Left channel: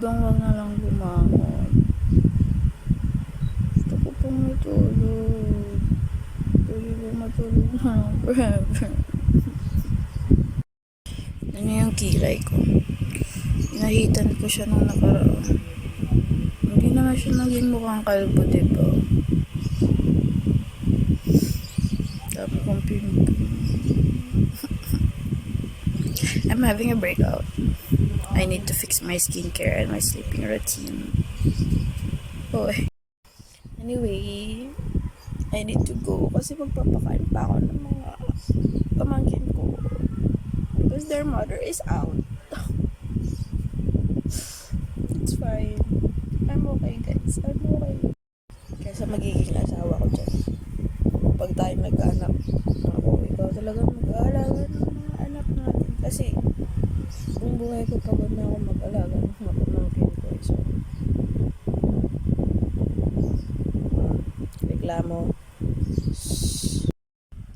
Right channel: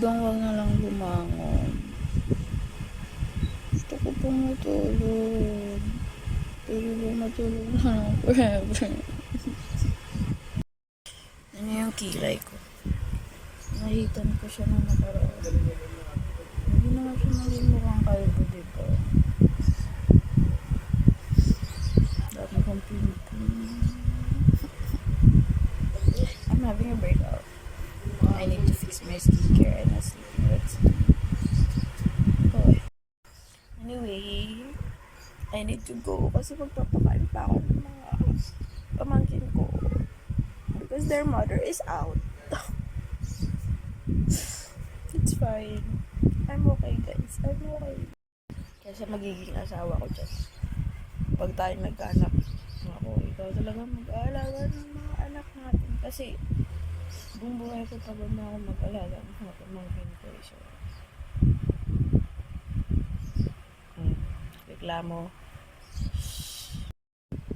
bang wag na lang bumangon? Gusto ko pang matulog. Pwede ba matulog na lang forever? Ano yung kilay ko? Nahitan ko siya nung nakaraan. Hindi naman siya naging mukhang kalbo, diba? Dami kong pimpin. I'm having a breakout. I need to fix my skincare and my sleeping routine. Hoy. Anyway, I need to go kasi magpapakain pa ako ng mga pamangkin ko. Because their mother is out. It's fine. I'm okay, guys. I'm okay. Kaysa magiging asawa ko dyan. Pag tayo nag-anak, ako, ikaw talaga mag-aalaga ng mga anak natin. Kasi, buong buhay ko pagod na ako mag-alaga ng mga pamangkin ko. So, reklamo.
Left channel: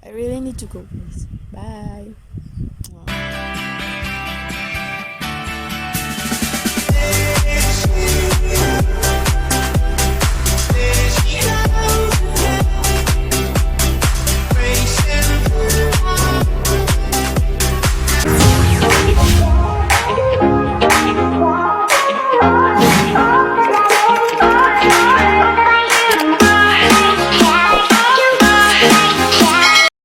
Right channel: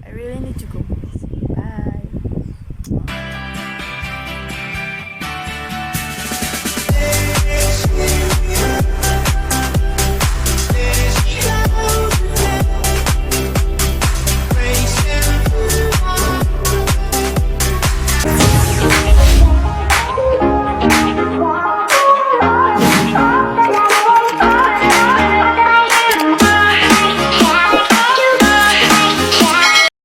I really need to go. Bye.